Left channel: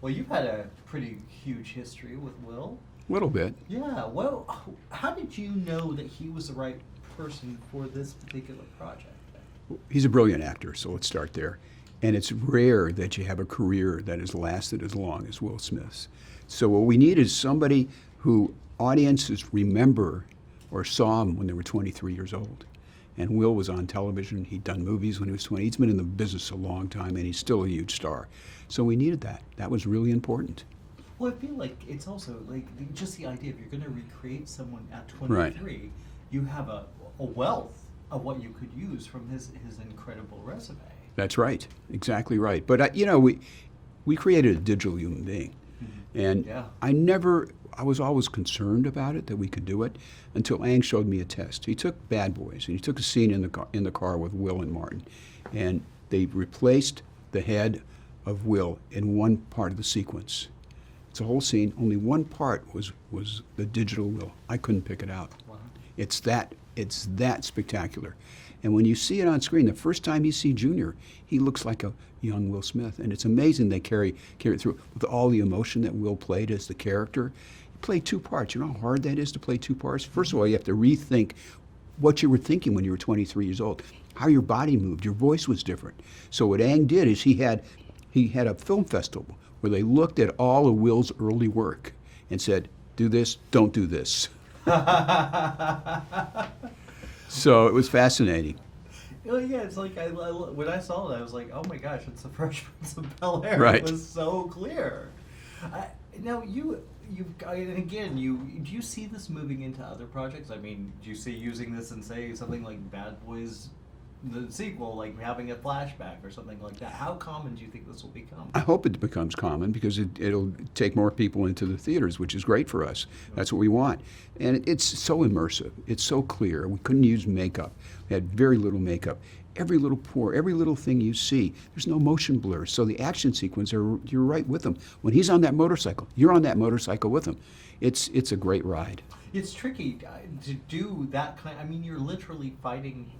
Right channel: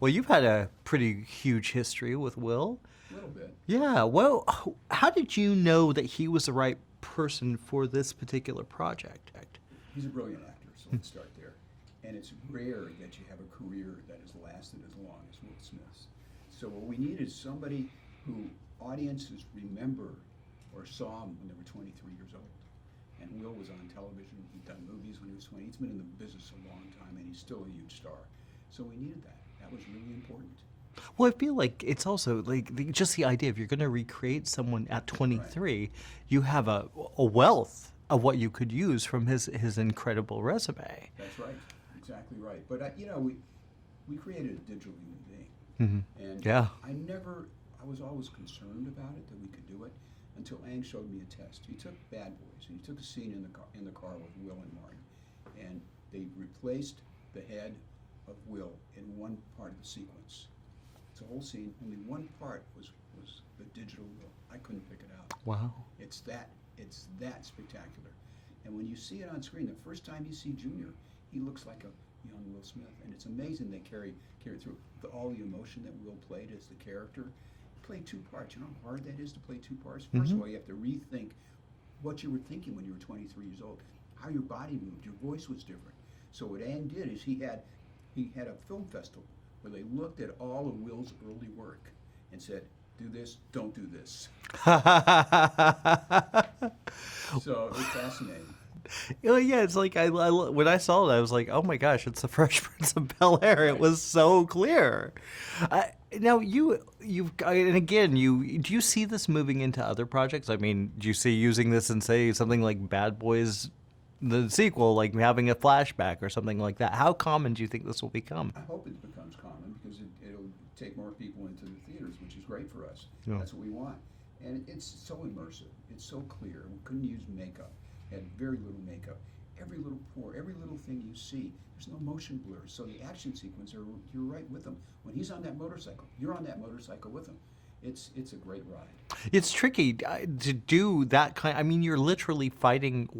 Well, you've had a pretty huge history with Will. A little bit. Yeah. Well, how did you know that he was the right person for this particular project? He's a brilliant actor, so let's start there. And it's rare that you have a career that has lasted as long as Will Smith's. So what we need is somebody who audiences remember or saw him when they were 23 years old. And Will was on television. He'd done movies when he was 20. He's been in the business a long time, and he's still a huge star. So we needed that. That was really important. Well, I feel like it's also like just the idea if you're going to recreate someone at 23, right. You have a wealth of what you could use from his incredible resume. That's right. Exactly right. But, we created a digital human being. Mm-hmm. And yeah. I was always concerned about it, that we could do it, until Ang showed me a test. He took Bad Boys, and he took a scene in the car with Will and Martin, and they replaced the head of Will in one part of the sequence. It's a whole scene. Only one part was the digital Will. I couldn't pick it out. Wow. It's that spectacular. And when you see it on screen, the first time you see Junior, he looks like a young Will Smith. And it's amazing they carry it through with all the emotion that Will played as the character. He played two parts. You know how hard that is to play two parts? First of all, you have to rethink what you were thinking when you were 23 years old, how your body moved, your voice was different. So what Ang did is he had a film festival where they looked at all of Will's early work and said, do this, don't do this. So it was fascinating. Yeah, it's like when I saw it, I was like, "Oh my gosh, it's the Fresh Prince of Bel-Air!" Right. It was so clear. Now do you see this moving into other projects? I mean, do you see using this in say something like Bad Boys, the sequel, like having a flashback or something like that? How common do you think this will become? I hope it becomes common because it'll take more people into the theaters, which is great for us. Yeah. That's what we want. And it's so immersive. It's so clear. We couldn't use makeup. We had very little makeup. Every little pore, every little thing you see, there's no motion blur. So the action sequence, you're right with him. When he's on that motorcycle, you're on that motorcycle with him. It's a great ride. It's tricky to do that kind. I mean, you're literally fighting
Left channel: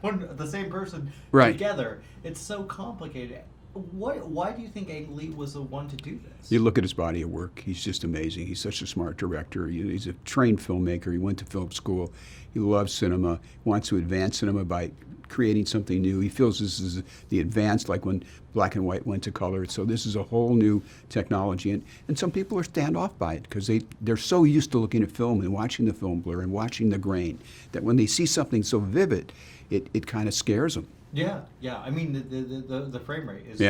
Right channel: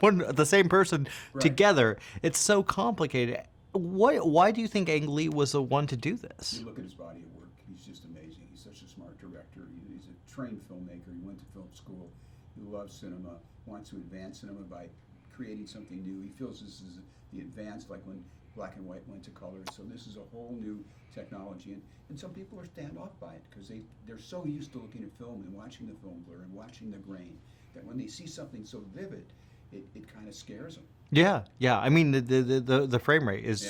the same person right. together. It's so complicated. Why do you think Ang Lee was the one to do this? You look at his body of work. He's just amazing. He's such a smart director. He's a trained filmmaker. He went to film school. He loves cinema. He wants to advance cinema by creating something new. He feels this is the advance, like when black and white went to color. So this is a whole new technology. And some people are standoff by it because they're so used to looking at film and watching the film blur and watching the grain that when they see something so vivid, it kind of scares them. Yeah. I mean, the frame rate is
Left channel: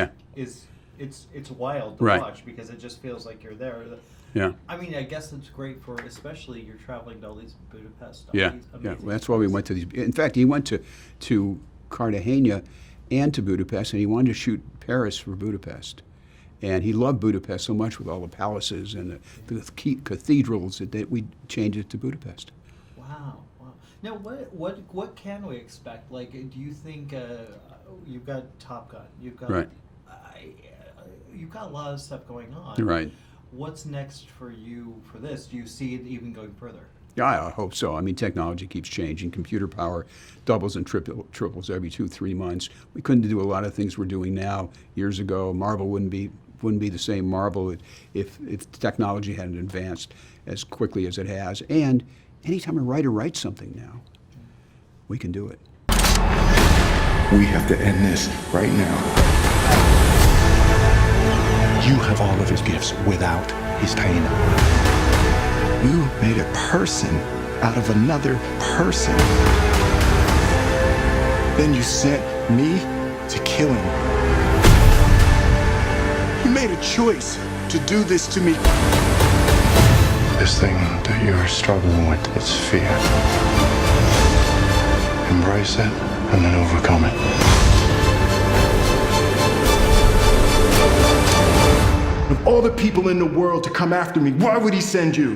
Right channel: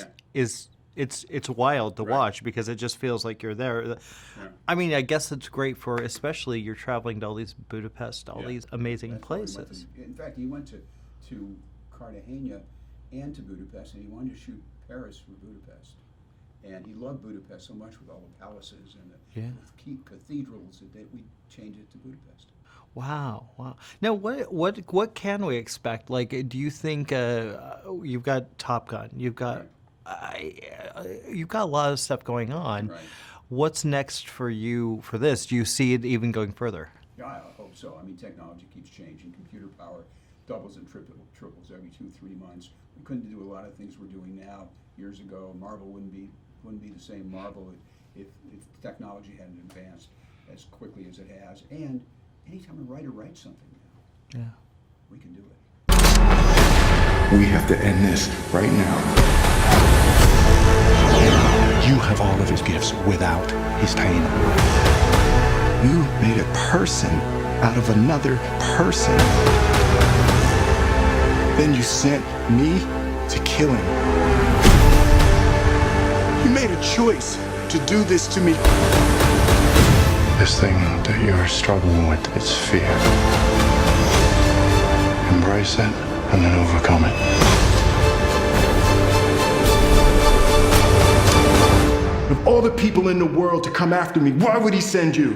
it's wild to right. watch because it just feels like you're there. Yeah. I mean, I guess it's great for especially you're traveling to all these Budapest, all these amazing. Yeah. That's places. why we went to these. In fact, he went to Cartagena and to Budapest, and he wanted to shoot Paris for Budapest. And he loved Budapest so much with all the palaces and the cathedrals that we changed it to Budapest. Wow. Now, what can we expect? Like, do you think you've got Top Gun, you've got right. You've got a lot of stuff going on. Right. What's next for you for this? Do you see it even going further? Yeah, I hope so. I mean, technology keeps changing. Computer power doubles and triples every 2-3 months. We couldn't do a lot of things we're doing now. Years ago, Marvel wouldn't be the same Marvel if technology hadn't advanced as quickly as it has. And anytime a writer writes something now, we can do it. We have to end this right now. You have all of his gifts without his pain. You made a person out of another person. Then you sent me to kill him. You made a choice to do this to me. This thing that you're struggling with is fear. Embrace it and then overcome it. Of all the people in the world to come after me, why would he send you?